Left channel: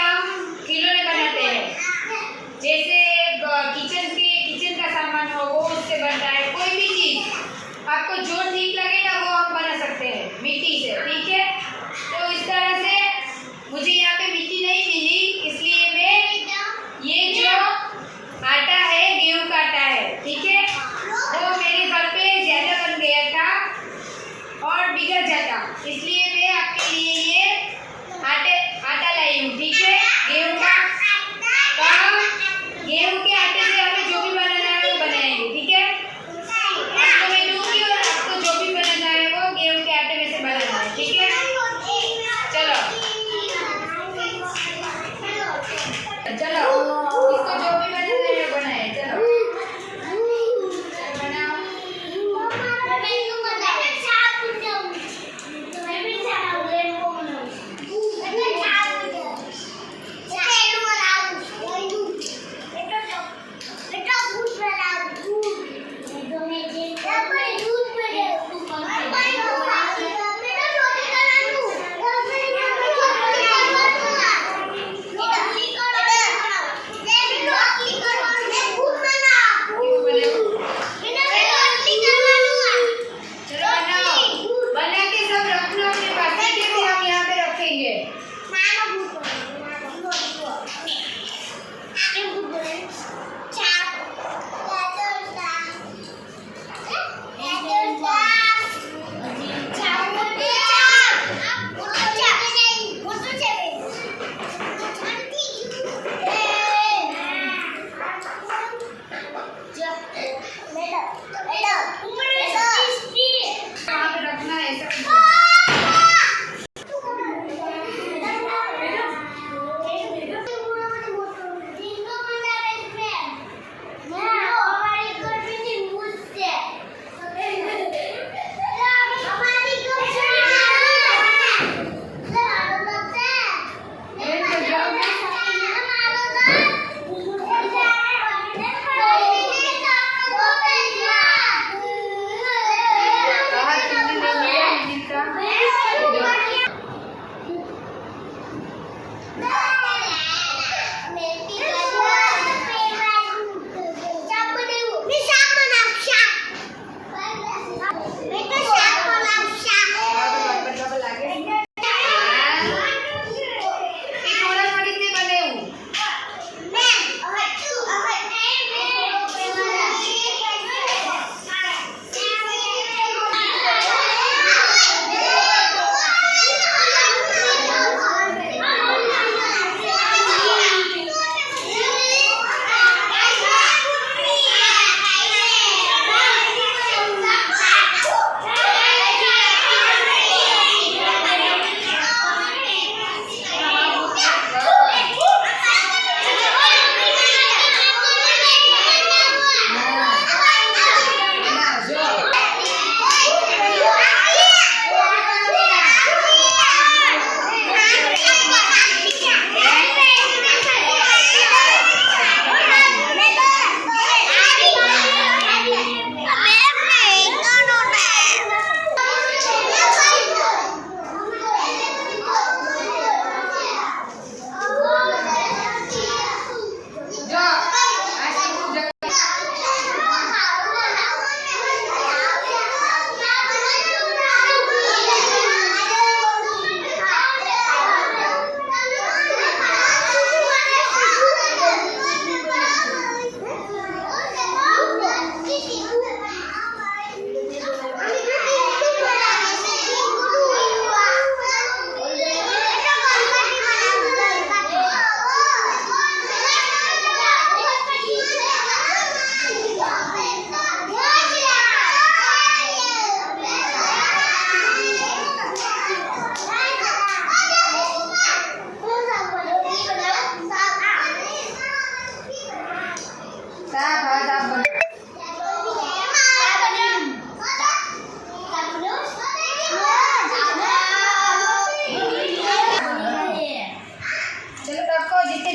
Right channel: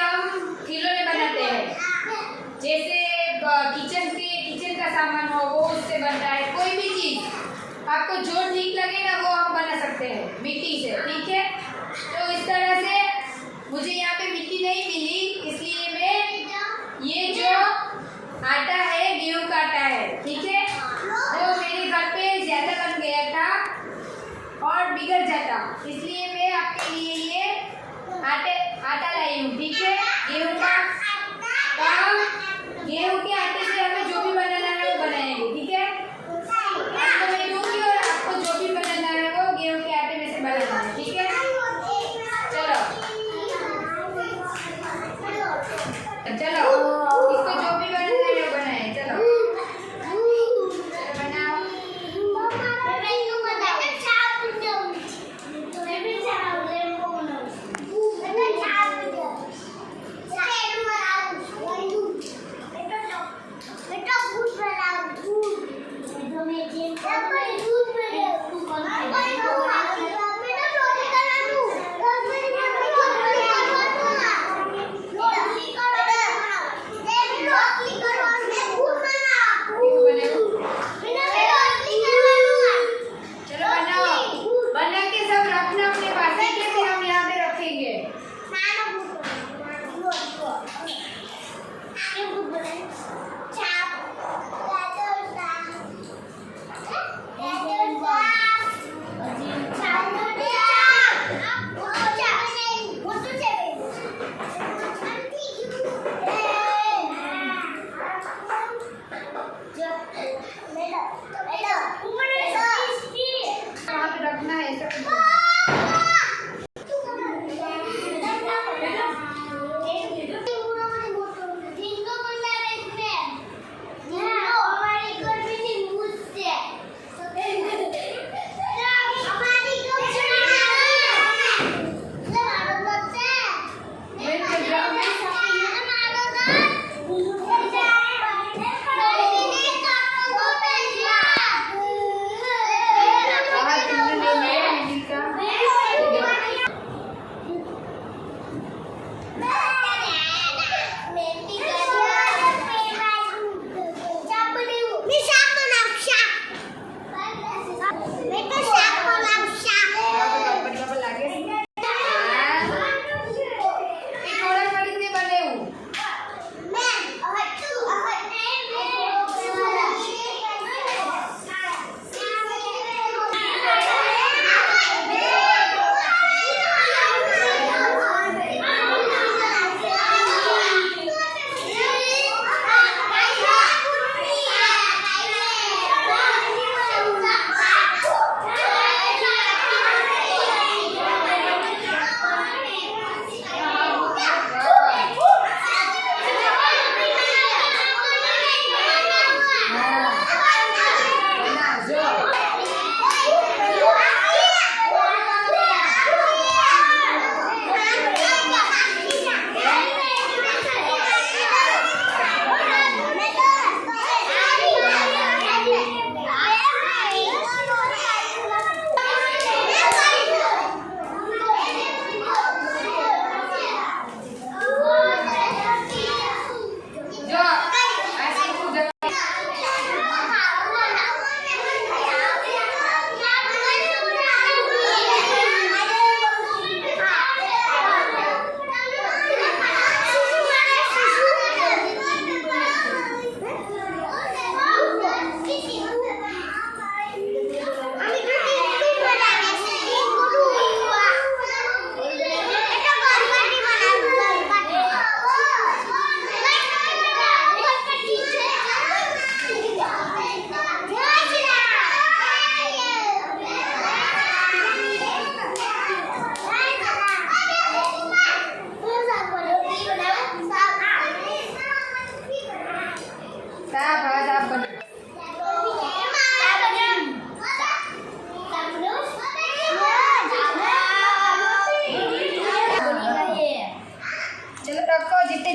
हम खिलौने बनाते हैं, जैसे किचन का सामान हो वो उससे बनता है। कोई भी चीज़ आपको जो ठीक लगे ना वो हम बना सकते हैं मिट्टी से, ठीक है। तो इस तरह से मुझे यहाँ पे मिट्टी नहीं मिली, इसलिए मैं ये जो आटा है गेहूँ का आटा है, ठीक है, वो मेरे घर पे ज़्यादा बन गया था और बिगड़ जाता, इसलिए मैं आपके लिए ये आटा लाई हूँ, ठीक है, गेहूँ का। गेहूँ के आटे से हमें जो भी बनाना है वो बनाएंगे, ठीक है। आपको मैं दूंगी और आपको जो भी बनाना है वो गेहूँ के आटे में से बनाना है, ठीक है। चलो चलो, इसको जो भी बनाना है बनाए, चलो बनाओ।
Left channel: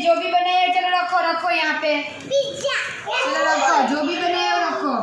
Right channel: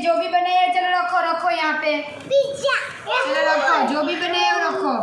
जो भी बनाया चलो रखो यहाँ पे, चलो रखो जो भी बनाया रखो।